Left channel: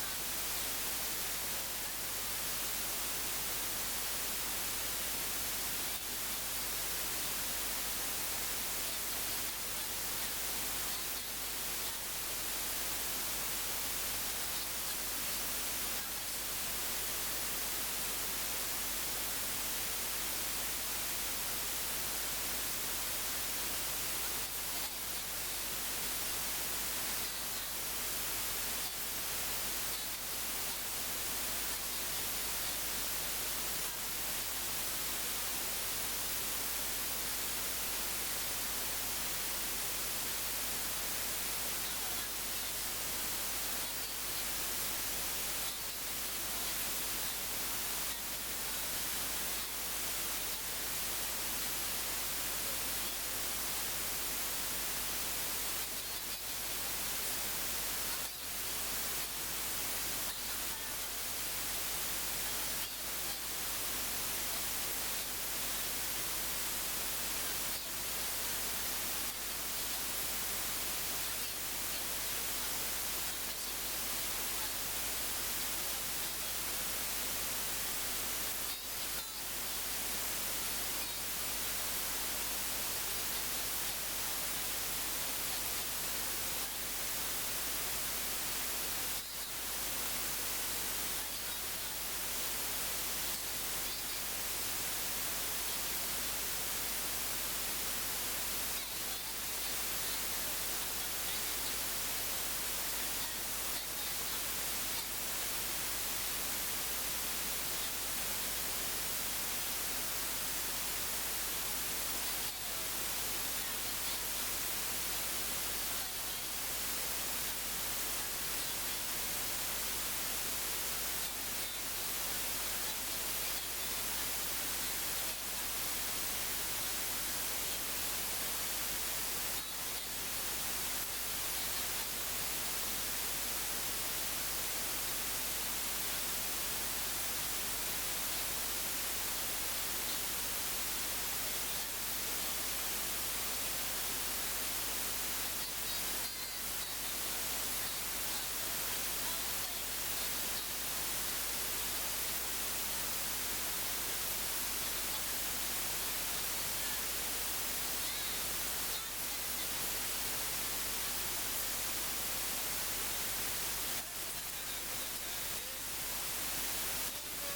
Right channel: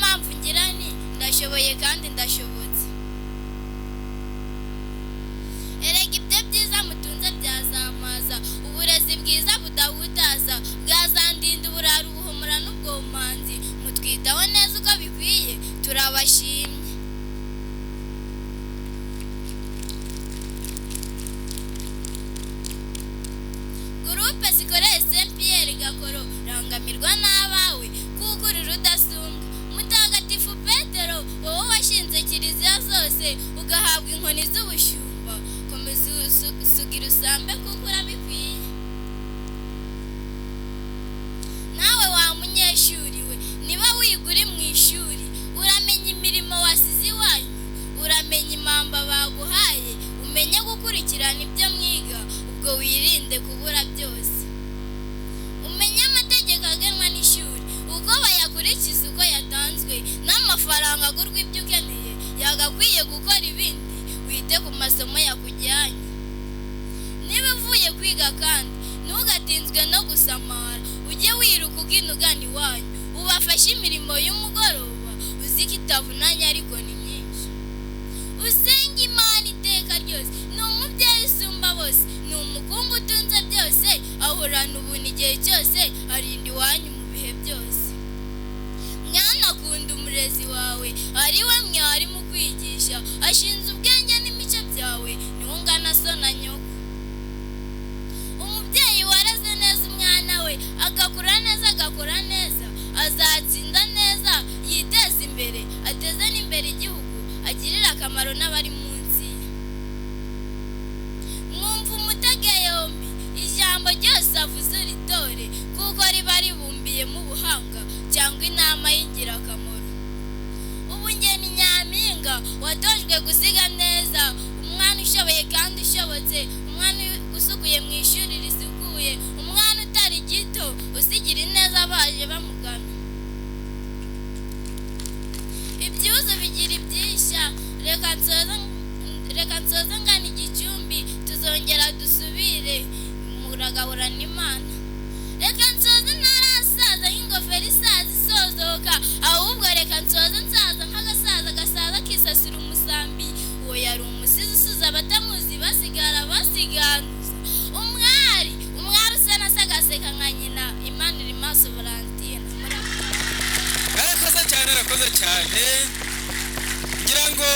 mpamvu ngira nti ndashoboye kandi ndashobotse. Erega ibyo byiza mutunze byazamaza, uburezi bwiza budahutaza bwazandinda uburara ubuhumura n'ubwomanzi, mutwitaho neza uko bikwiye turabashimye. Gurupe zikoreye Saint Pierre Gakoro rangamirwa n'abawe kuko uri rudasumba. Mutagatifu Petero wowe washinze kiliziya zose ugahabwa inkoni z'ubushumba, komeza usugira usambe kuko urabikwiye. Nawe wa munyeshuri we, niba wiga uri mu ishuri uramenya imirimo wasize iwanyu, uramenya impamba baguhaye, umenye gukurikirana ibyo mwiga, ubwo wirinde kubura byose. Umenye amategeko agenwa n'ishuri, uko bayakurikiza uko yatanzwe, n'amafaranga agurwa ibyo ukeneye yagakwiye gukora ibindi, wite ku masomo yakujyanye. Niba uvuye kwiga kandi ntugatinzwe no gusamara, ujye wiruka ugina ugana iwanyu, ubafashe imirimo y'umugoroba, uziko itavunanye ariko ni myinshi. Usenge Imana iteka ryose, ni umubyeyi usumba bose, ni umukungu utunze byose, ahorana ubuntu igihe cyose, arinda iwanyu mu bihe byose. Mwana akunda umurezi wawe, ari we mwarimu ukwigisha, ashinze ubwenge n'imico byawe, niho ungana so na nyoko. Umubyeyi wareze neza umwana we, agakura neza agakora neza, azatsinda neza, yiteza imbere, ateze n'imbere igihugu, agirira akamaro n'abari munsi ye. Mwumva umutege yombi, ijambo ryose avuze uritore, kuko riba ribumbiyemo ubuhanga cyangwa inama y'ingirakamaro. Ubungeni nyampinga watojwe gusiga neza, umwana ushoboye kandi ushobotse, umwana usukuye mu ishuri risukuye, umwana utari gito usigira ineza abaje bamugana. Ibyuzo bigira ibyishya, reka nsoze ngana igicumbi, tuzongera dusubire muragahorana Imana. Reka nsoze ntarasaza nk'ingofero isaza isozoka, ahubwo reka nsoze nsaza nk'agasaza gasaza kisasira umusambi. Uwo yari umusizi usuza abatamuzi basigara basiganuza. Umwari usa na se agaseka nka nyina, Imana iri maso Valentine. Arakoze cyane ngira ngo